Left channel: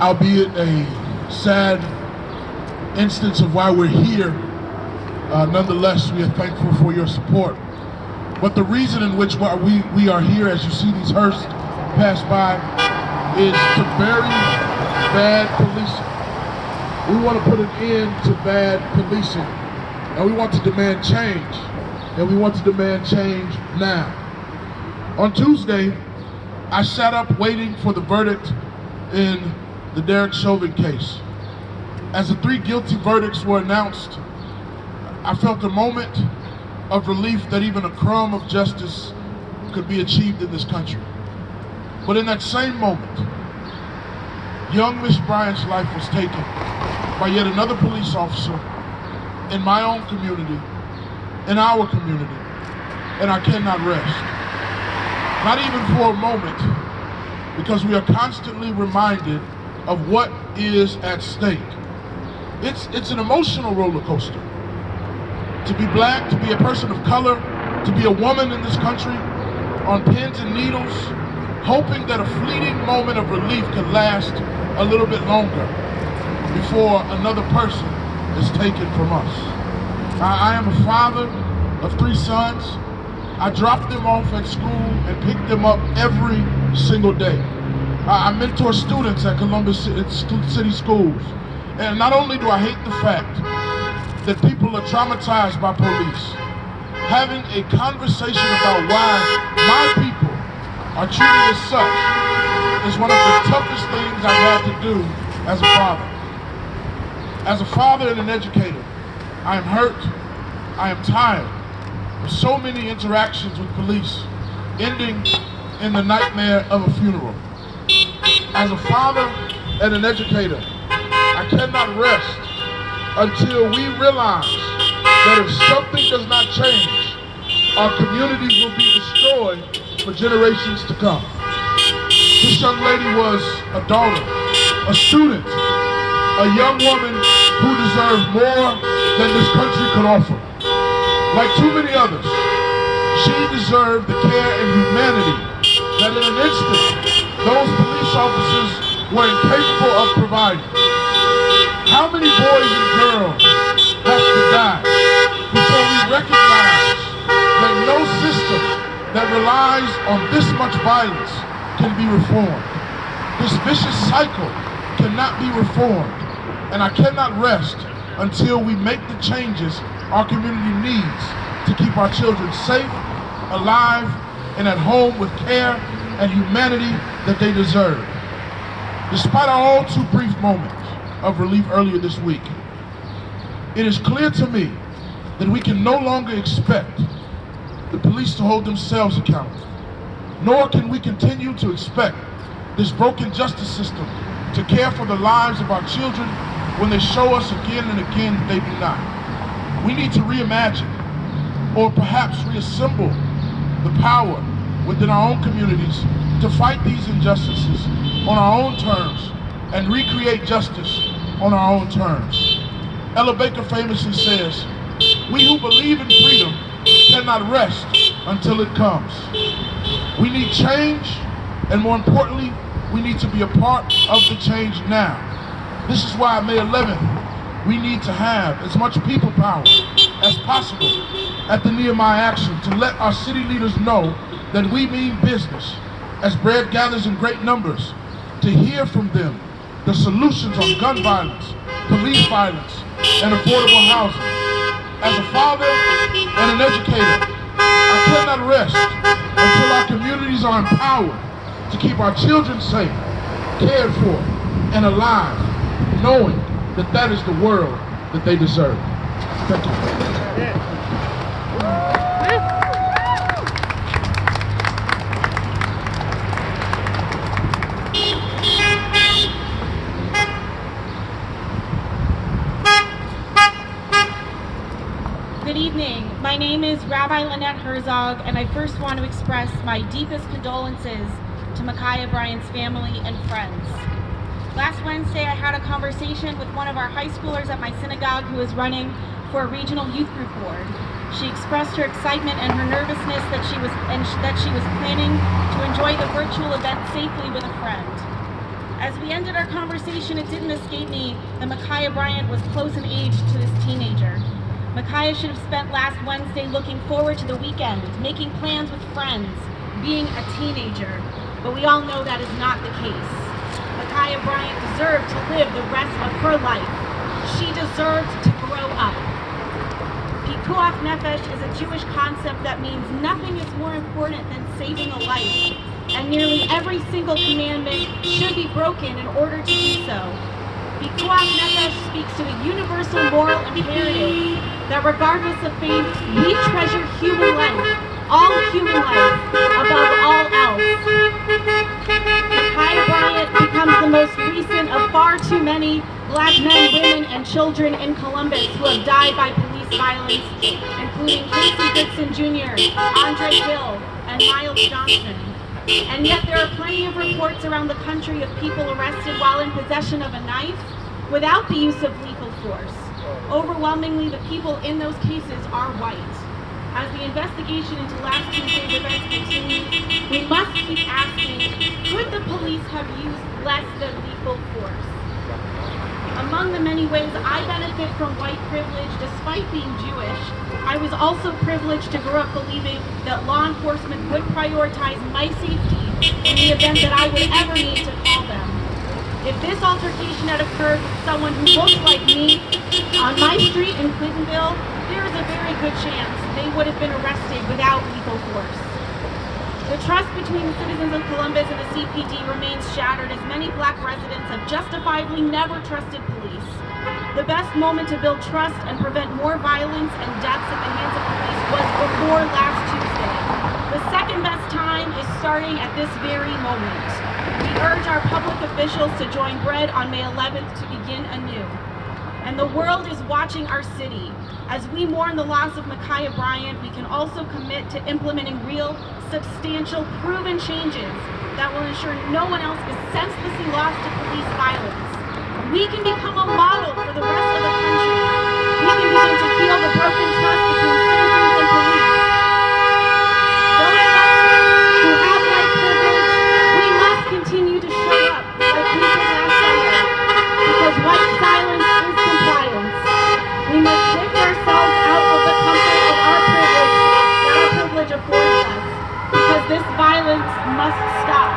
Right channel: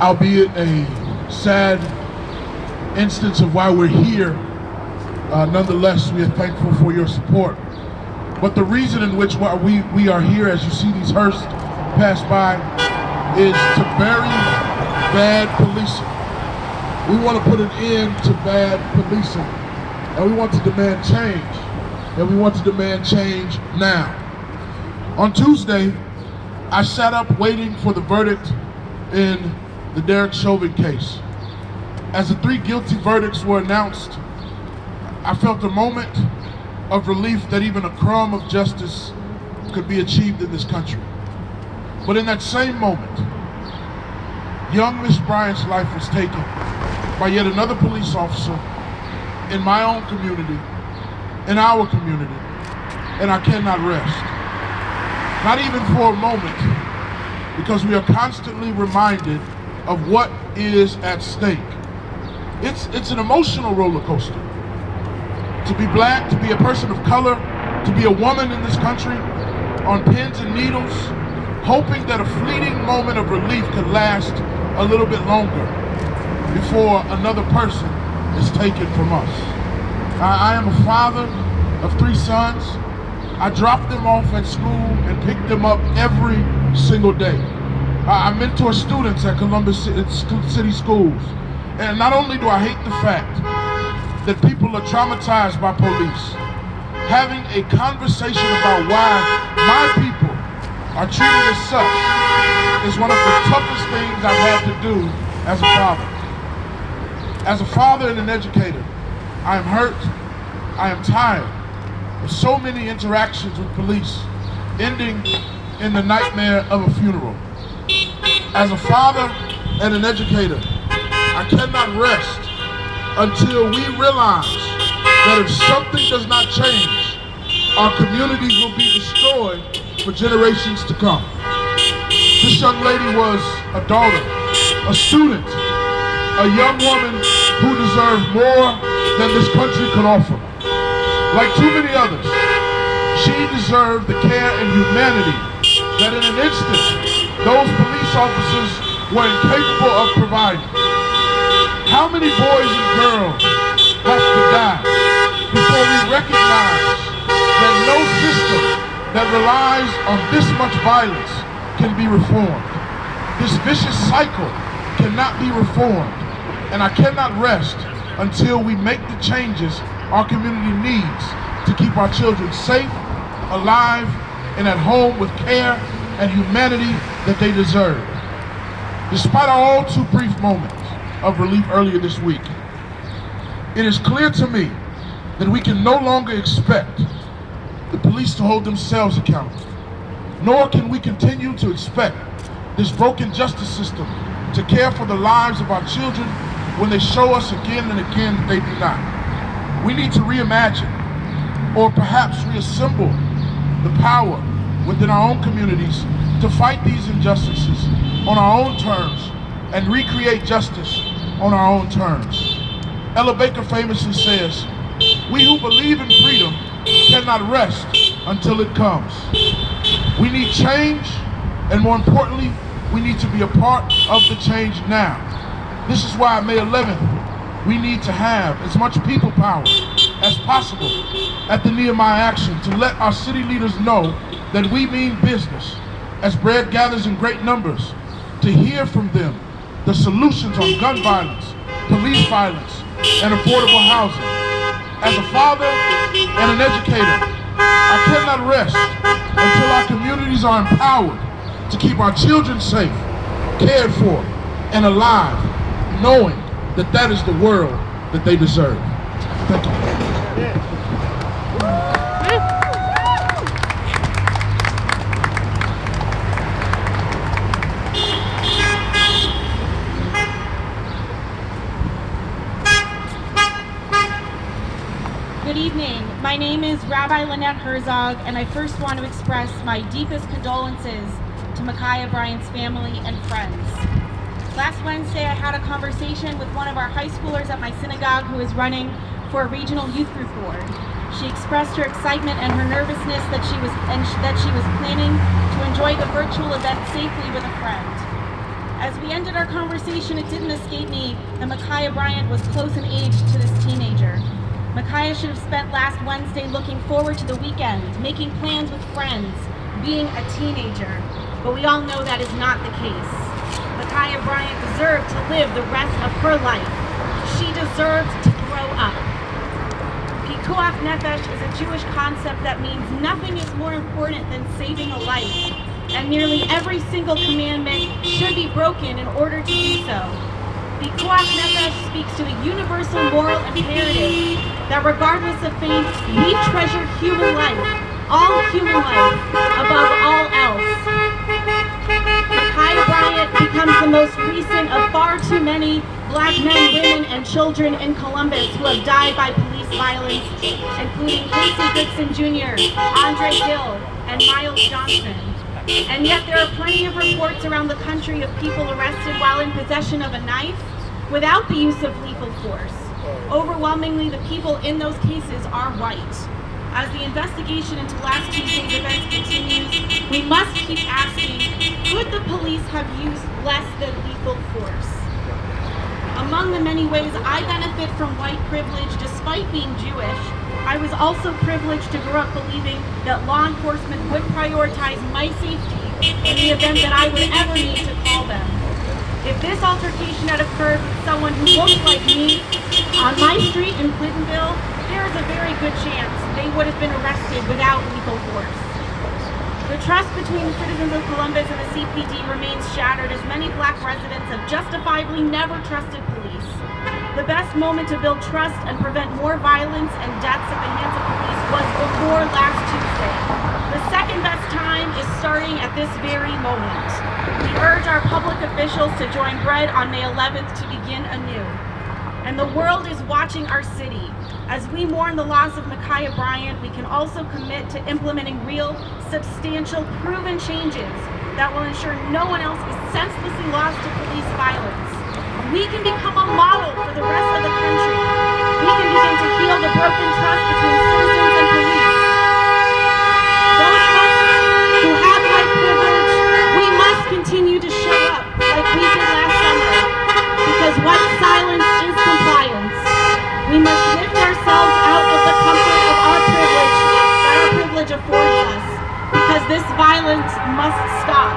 albeit a sad instance of why we're here. Nonetheless, we are thankful for your support. But the reason in which we are here, as you see these hearses pass by, is to bury bad policing. We want to put an end to bad policing, and we want to demand change, and we want to demand change now. On Tuesday, I sat up waiting for the verdict in the Derek Chauvin case. As the 3 guilty verdicts were announced, I felt a moment of relief that even a crumb of justice could be achieved in this country. But in that same moment, young Miss Bryant's life was taken by yet another police officer in my own community, in our community, and I cannot rest. Not even for a moment, because we are constantly reminded of what is at stake. It's an emotional roller coaster. To be black, to be a person of color, to be a woman in this country, on pins and needles, hoping that a fleeting moment of relief could last a little bit longer before another person is taken from us. I am a father of 3 sons. I drop them off at school and pick them up every single day. I mentor students at Columbus City Schools. And not only do I hate the fact that people are traumatized by police, having a conversation about why my people are treated as such is one of the toughest things I've had to do as a father. As a father and an educator, I am hurt, I am tired of so many interactions with police ending in the nightmare of a funeral. As a father and an educator, I cannot rest until we realize that if something does not change, our communities will be destroyed for generations to come. This young lady was a daughter, a student, a young woman who deserved more than this country could offer. Like too many others, she deserved the care and humanity that in an instant, those police officers were incapable of providing. How many boys and girls have to die before we recognize that no system that relies on this much violence can be reformed? This vicious cycle cannot be reformed, and I cannot rest until we make the changes our community needs to keep our children safe, alive, and at home with care and humanity that they deserve. Despite our all too brief moment of relief earlier this week, it is clear to me that we can no longer expect the police to hold themselves accountable, nor can we continue to expect this broken justice system to care for the lives of our children when they show us again and again that they do not. We need to reimagine, or perhaps reassemble, the power within our own communities to fight these injustices on our own terms and recreate justice on our own terms. Ella Baker famously says, "We who believe in freedom cannot rest until it comes." We need change, and more importantly, we need to be a part of the change now. This is why May 11th, we need to have as much people power as possible at the Nehemiah Action to let our city leaders know that we mean business as bread gathers in great numbers, to hear from them the solutions on gun violence, police violence, and affordable housing. As a father and an educator, I cannot rest until our communities are empowered to keep our children safe, cared for, and alive, knowing that that is the world that they deserve. Thank you. Good evening. My name is Rabbi Lenette Herzog, and I first want to express my deepest condolences to Micaiah Bryant's family and friends. Last Wednesday, I had a conversation with one of our high schoolers at my synagogue who is running for a regional youth group board. She expressed her excitement and her nervousness that she was planning to enjoy the virtual event safely with a friend. As we ended our conversation, it didn't escape me that Micaiah Bryant was close in age to this teenager. Micaiah should have spent last Wednesday looking forward to the weekend, making plans with friends, being a teenager. But we all know that is not the case. Micaiah Bryant deserved to live the rest of her life. She deserved to grow up. Pikuach nefesh is a Jewish concept that means nothing is more important than saving a life. And nearly every single commandment should be broken in order to do so. Pikuach nefesh speaks to a universal moral imperative that regardless of faith, we treasure human life, all human life, above all else. Micaiah Bryant becomes the most recent of far too many Black men, women, and children in Columbus who have died by police violence, including Casey Goodson Jr., Andre Hill, and Miles Johnson. And yet there are plenty of reports around the country of people arrested while in possession of a knife without the use of lethal force. Overwhelmingly, the people in those cases are white. As the investigation into last Tuesday's events continues, we must keep asking, could the police have used less than lethal force? Among the many ways I benefit from white privilege despite being Jewish, I was also privileged to grow up believing that law enforcement would prioritize my safety in the event that I would ever need to call them. If this altercation had occurred with someone who looked like me on my street in Clintonville, there is a very good chance they would have been arrested without lethal force. The trust between the citizens of Columbus and the CPD remains shattered as many Black residents have justifiably never trusted police. The best moment to build trust and prevent more violence and deaths at the hands of police was before last Tuesday. The second best time is starting at this very moment. We urge our public officials to join Bread on May 11th to begin anew. And the world is watching our city. As we mourn the loss of Micaiah Bryant, we can also commit to implementing real, substantial, proven changes that will ensure no one else is senselessly lost to police violence. We can become a model for the rest of the country. We can begin to heal the broken trust between citizens and police. Those of us who have white privilege, we must continue to show up like we did last summer, because white silence is compliance. We must lift ourselves out of the comfort of our privilege affords us, because this violence must stop.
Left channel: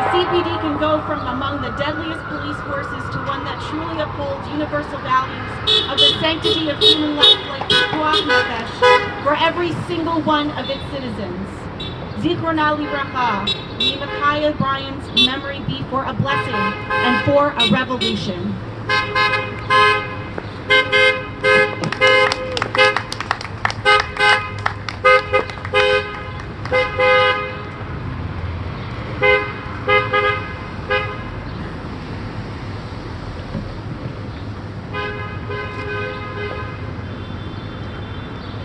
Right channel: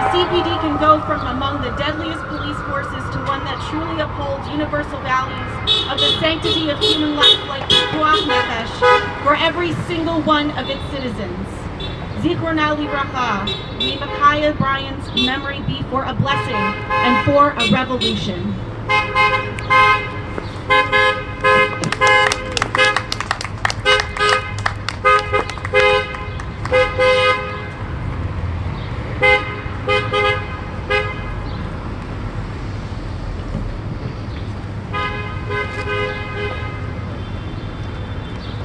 The CPD can go from among the deadliest police forces to one that truly upholds universal values of the sanctity of human life like Pikuach nefesh for every single one of its citizens. Zichrona livracha, may Micaiah Bryant's memory be for a blessing and for a revolution.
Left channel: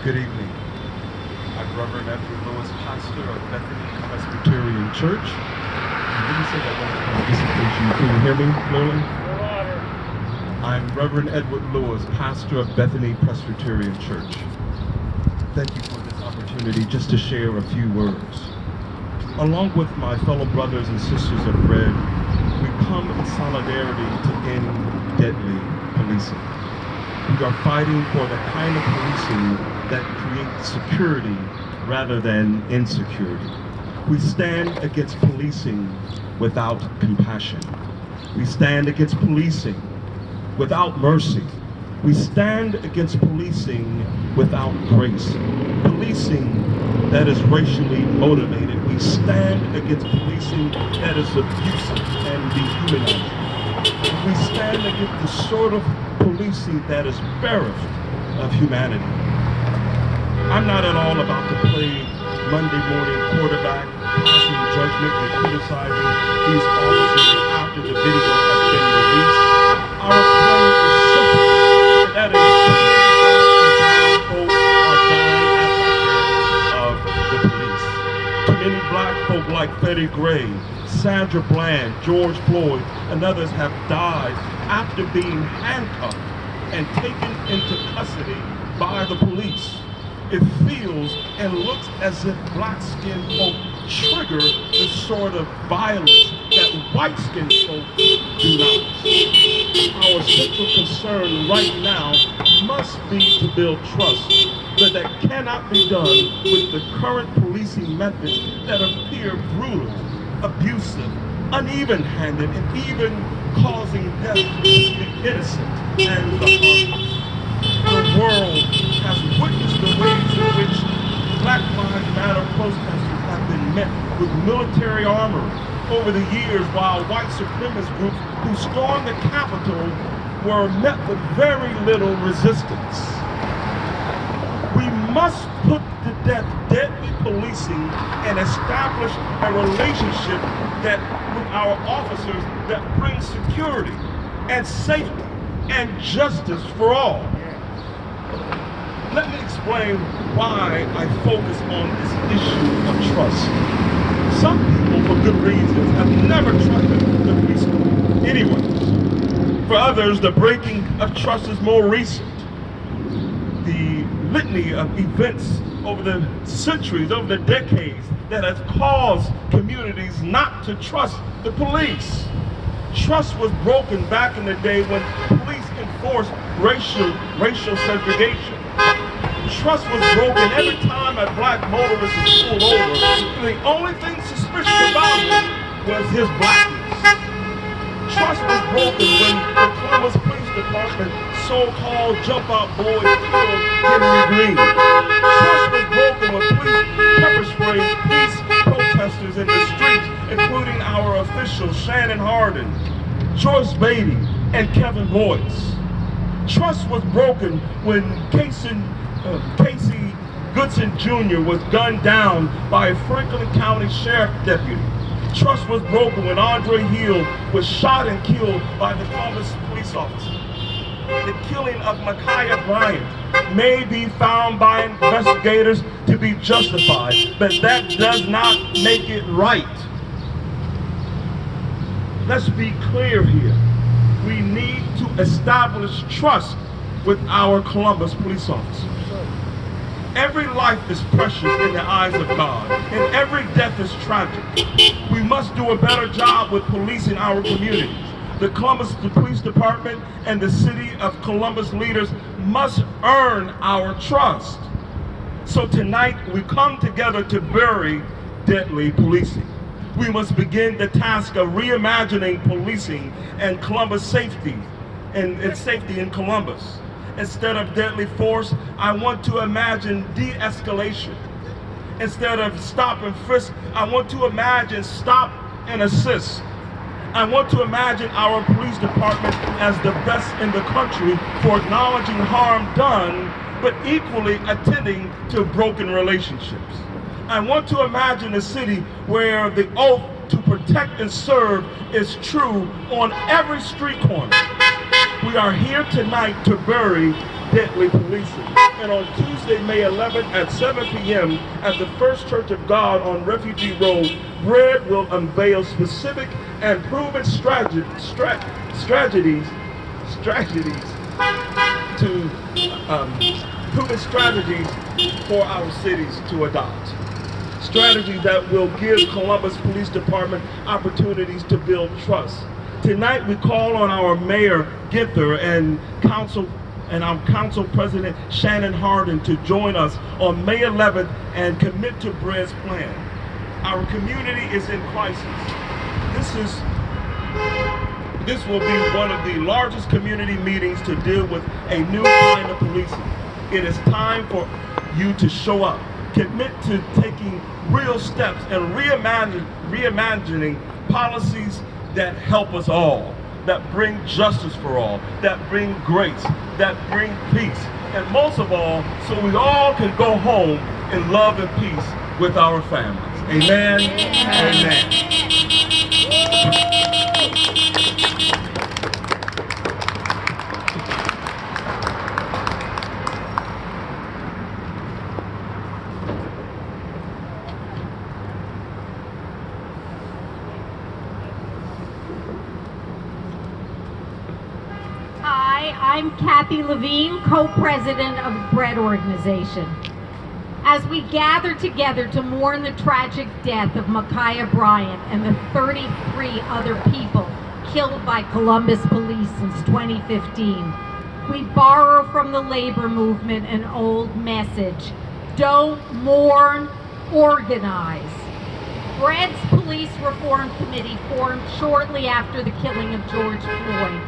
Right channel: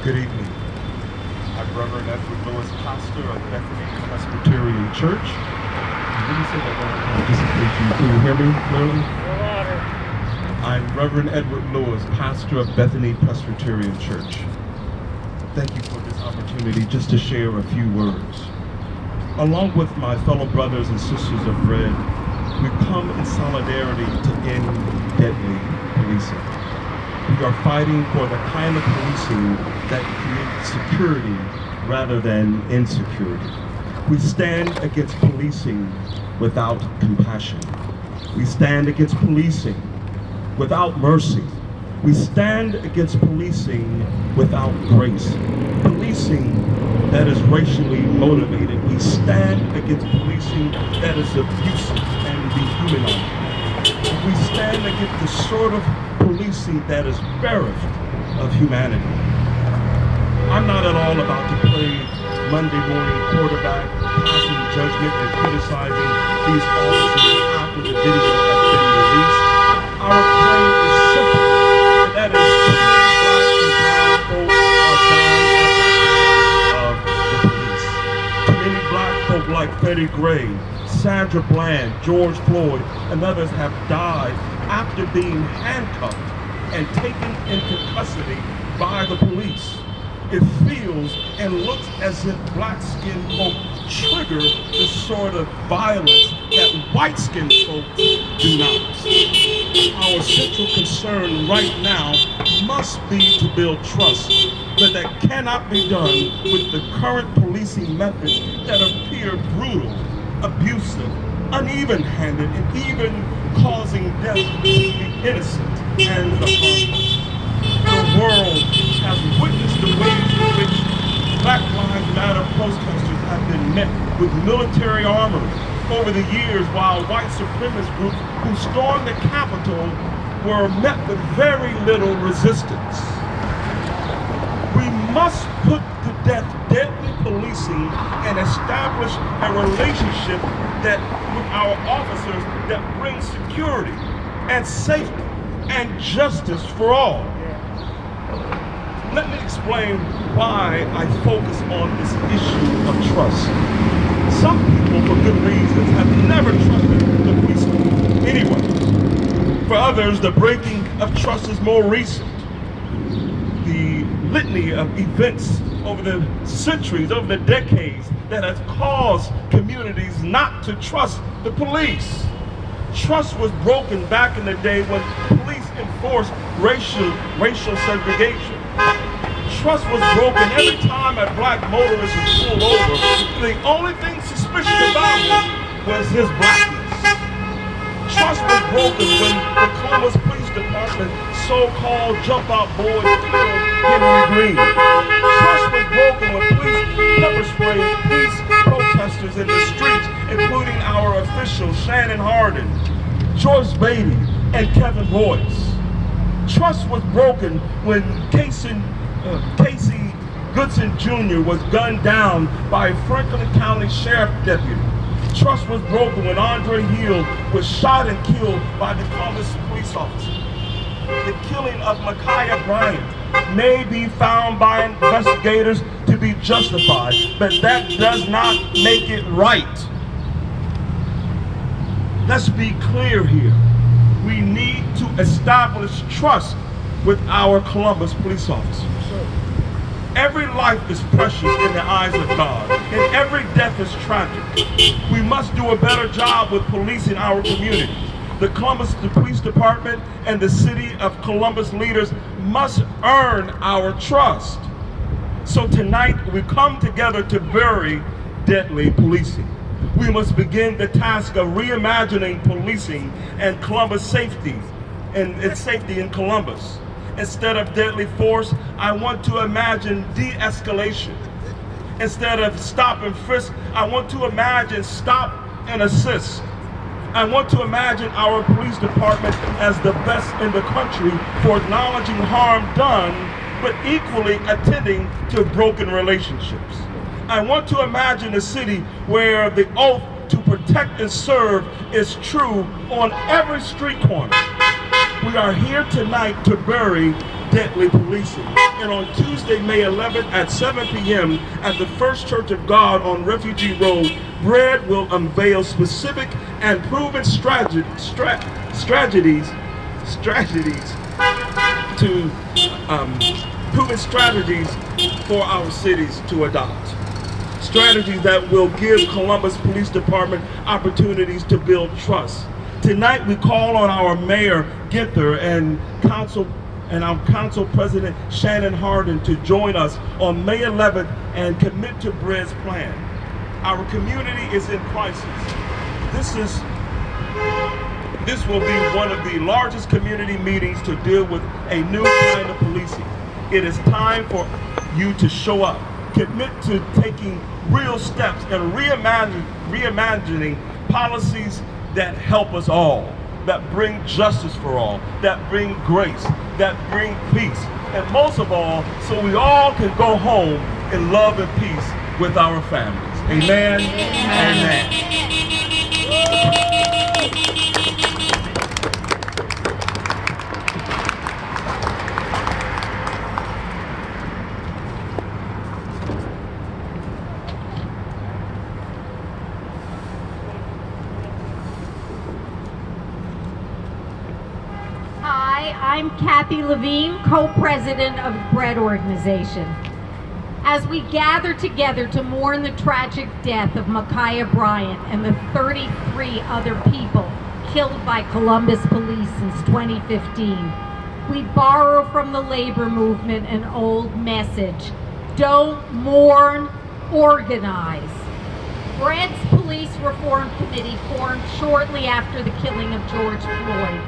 Good evening. I'm Reverend Edward Lewis, pastor of Bethany Presbyterian Church. Let me say that one more time, just in case can you hear me clearly? I'm Reverend Edward Lewis, pastor of Bethany Presbyterian Church. Thank you for this opportunity just to share a few words. Along with my fellow brothers and sisters of Bread, we come in solidarity to end deadly policing. We are fighting for the kind of policing that creates security rather than insecurity. We stand against policing without compassion. We stand against policing without mercy. We stand against policing without grace. Policing that is racially motivated. We stand against policing that is abusive and dehumanizing. We stand against the sort of policing that is bereft of humanity. I'm not at all about to play Monday morning quarterback, passing judgment and criticizing these officers after the video has been released. Our claim is simple, and that is too many black and brown folks are dying at the hands of the police. Too many black folk like Freddie Gray, Sandra Bland, George Floyd, and others have died after being handcuffed and taken into custody by the police. It feels and looks as if black-skinned folk trigger the sort of violence that white-skinned folks do not. Our central concern right now must be to build trust, but that cannot be done with the current policing methods that appear brutal, abusive, uneven-handed, and even causing death to the innocent and the harmless. The world has witnessed the ways in which Black Lives Matter protesters have been met with military armor over the years, while white supremacist groups who stormed the Capitol were met with very little resistance. We must put to death deadly policing and establish a relationship that with our officers that brings security and safety and justice for all. Let me explain why I focus on this issue of trust. Some people, for good reasons, have never trusted the police anyway. For others, the breaking of trust is more recent. The litany of events over the centuries, over the decades, that has caused communities not to trust the police. Trust was broken back in the day when police enforced racial segregation. Trust was broken every time a black motorist was pulled over. The only thing suspicious about him was his blackness. Trust was broken when the Columbus Police Department so-called jump-out boys killed Henry Green. Trust was broken when police pepper sprayed peace protesters in the streets, including our officials Shannon Hardin, Joyce Beatty, and Kevin Boyce. Trust was broken when Casey Goodson Jr. was gunned down by a Franklin County Sheriff deputy. Trust was broken when Andre Hill was shot and killed by the Columbus police officer. The killing of Micaiah Bryant may be found by investigators to be justified, but that does not make it right. Let's be clear here. We need to establish trust with our Columbus police officers. Every life is precious in the eyes of God, and every death is tragic. We must do a better job with policing our communities. The Columbus Police Department and the City of Columbus leaders must earn our trust. So tonight we come together to bury deadly policing. We must begin the task of reimagining policing and Columbus safety and safety in Columbus. Instead of deadly force, I want to imagine de-escalation. Instead of stop and frisk, I want to imagine stop and assist. I want to imagine our police department as the best in the country for acknowledging harm done, but equally attending to broken relationships. I want to imagine a city where the oath to protect and serve is true on every street corner. We are here tonight to bury deadly policing. And on Tuesday, May 11th at 7 p.m. at the First Church of God on Refugee Road, Bread will unveil specific and proven strategies for our cities to adopt. Strategies that will give Columbus Police Department opportunities to build trust. Tonight we call on our Mayor Ginther and our Council President Shannon Hardin to join us on May 11th and commit to Bread's plan. Our community is in crisis. This will be one of the largest community meetings to deal with a new kind of policing. It is time for you to show up, commit to taking real steps and reimagining policies that help us all, that bring justice for all, that bring grace, that bring peace, and most of all, so we all can go home in love and peace with our families. Amen. Amen. Hi, I'm Cathy Levine, co-president of Bread Organization. As we gather together to mourn the tragic death of Micaiah Bryant and the 33 other people killed by Columbus police since 2015, we borrow from the labor movement an old message: don't mourn, organize. Brett's Police Reform Committee formed shortly after the killing of George Floyd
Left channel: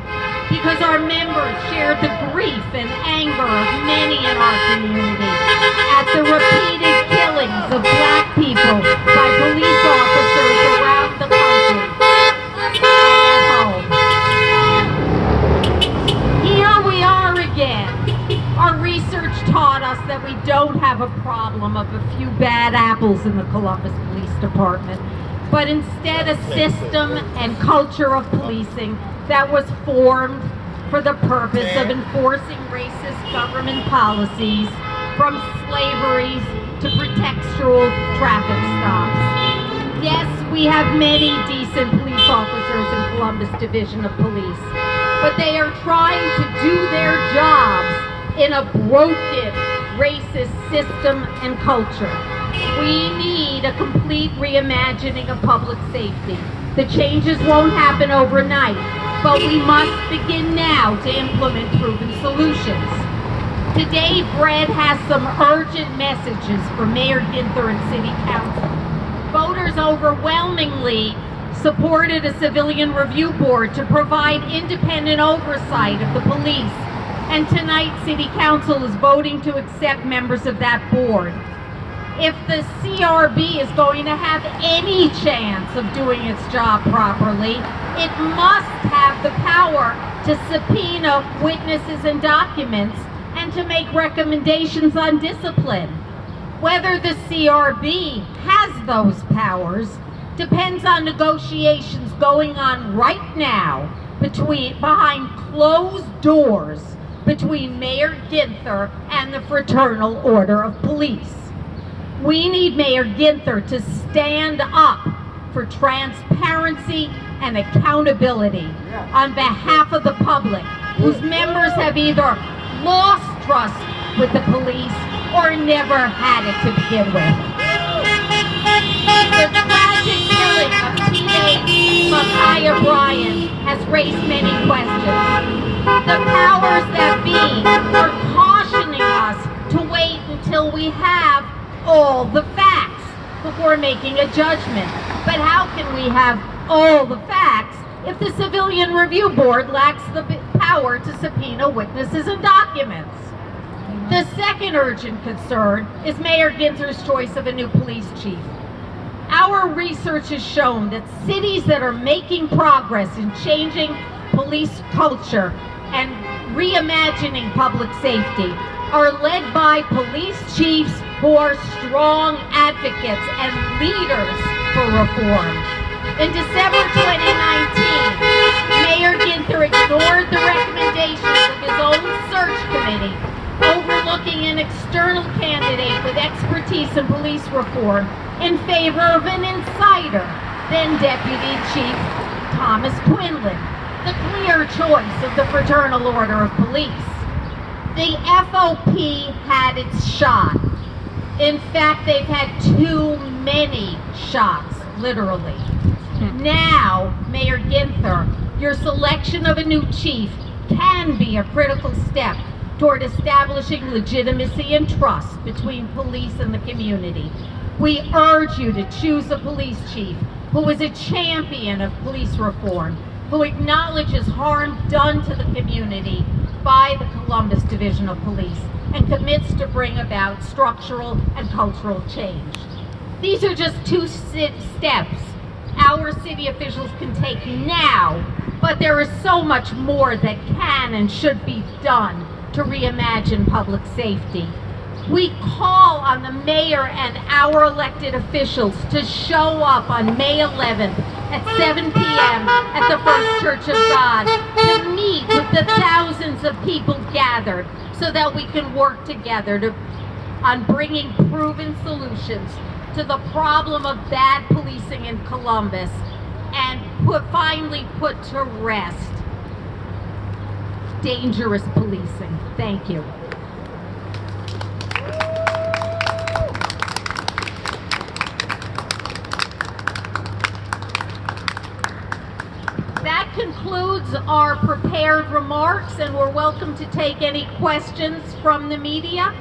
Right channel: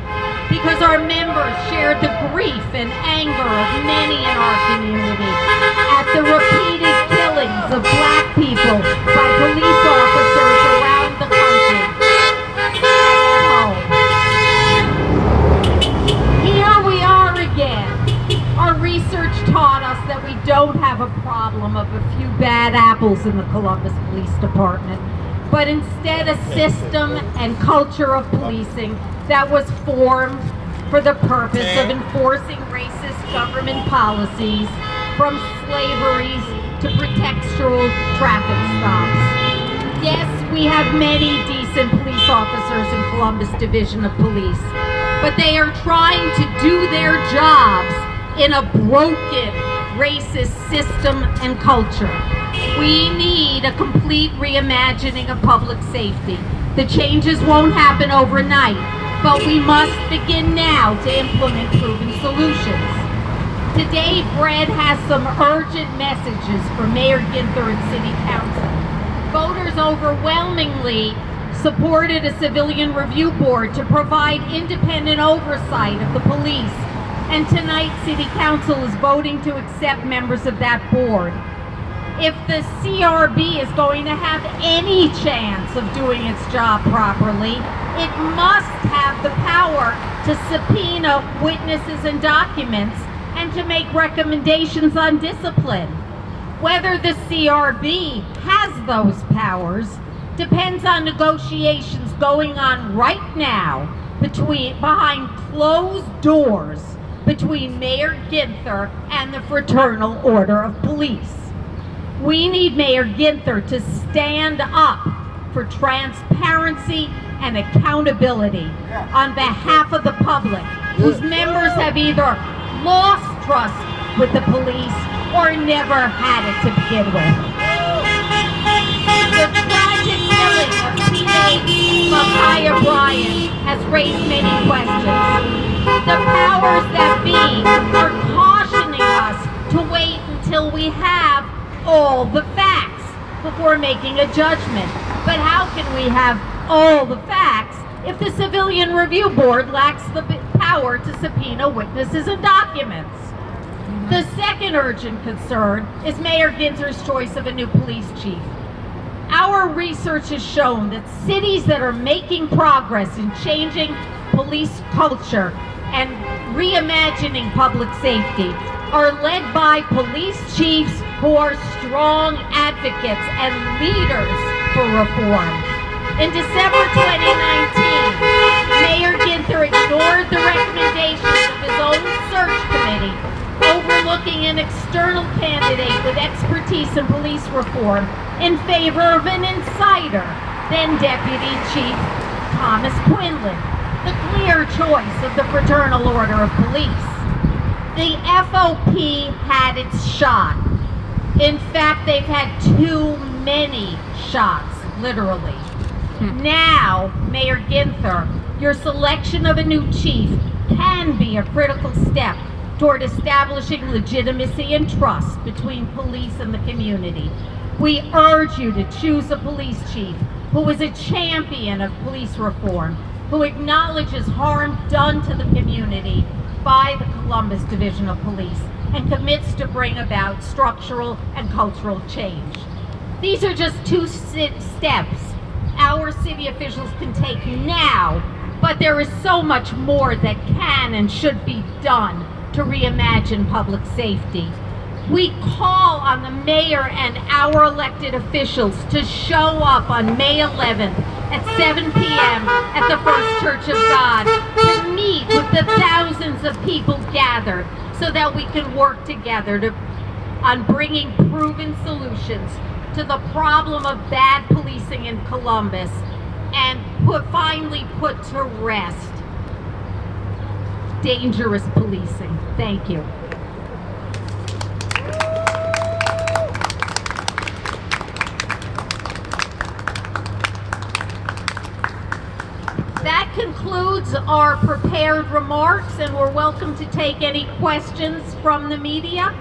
because our members shared the grief and anger of many in our community at the repeated killings of black people by police officers around the country and at home. Here we are again. Our research taught us that we don't have a problem of a few bad apples in the Columbus Police Department, but instead a system and culture of policing that was formed for the purpose of enforcing racist government policies, from slavery to pretextual traffic stops. Yes, we have many decent police officers in Columbus Division of Police, but they are trying to do their jobs in a broken, racist system and culture. We need a complete reimagining of public safety. The changes won't happen overnight, but we must begin now to implement proven solutions. Today, Brett has some urgent messages for Mayor Ginther and City Council. Voters overwhelmingly supported a civilian review board to provide independent oversight of the police, and tonight City Council is voting to accept members of that board. If the CRB is going to have any chance of doing its job properly, it must have the power to subpoena witnesses and documents and to make recommendations on discipline. Whether the CRB has those powers depends on negotiations going on right now behind closed doors between Mayor Ginther and the Fraternal Order of Police. We need Mayor Ginther to stand up for transparency and accountability on behalf of the public, whose members have either lost trust with the police or never had it to begin with. The tragic killing of teenage Micaiah Bryant has raised many questions. The powers that be are cautioning us to wait until we have all the facts before making a judgment. But how can we have all the facts if the Civilian Review Board lacks the power to subpoena witnesses and documents? The second urgent concern is Mayor Ginther's choice of a new police chief. Our research has shown that cities that are making progress in changing police culture and reimagining public safety are led by police chiefs who are strong advocates and leaders for reform. In December 2019, Mayor Ginther ignored the recommendations of his own search committee, overlooking an external candidate with expertise in police reform in favor of an insider, then Deputy Chief Thomas Quinlan, the clear choice of the Fraternal Order of Police. The FOP had its shot. In fact, they've had too many shots, literally. Now, Mayor Ginther, your selection of a new chief can be a critical step toward establishing legitimacy and trust between police and the community. We urge you to choose a police chief who is a champion of police reform, who acknowledges harm done to the community by the Columbus Division of Police and commits to bring about structural and cultural change. These are just two steps our city officials can take now, but there is so much more that can and should be done to reimagine public safety. We call on the mayor and our elected officials to show up on May 11th at 7 p.m. at the First Church of God to meet with the thousands of people gathered so that we can work together on bringing proven solutions to the problem of bad policing in Columbus and finally put to rest dangerous policing. Thank you. concludes our prepared remarks, and we're welcome to take any questions from the media.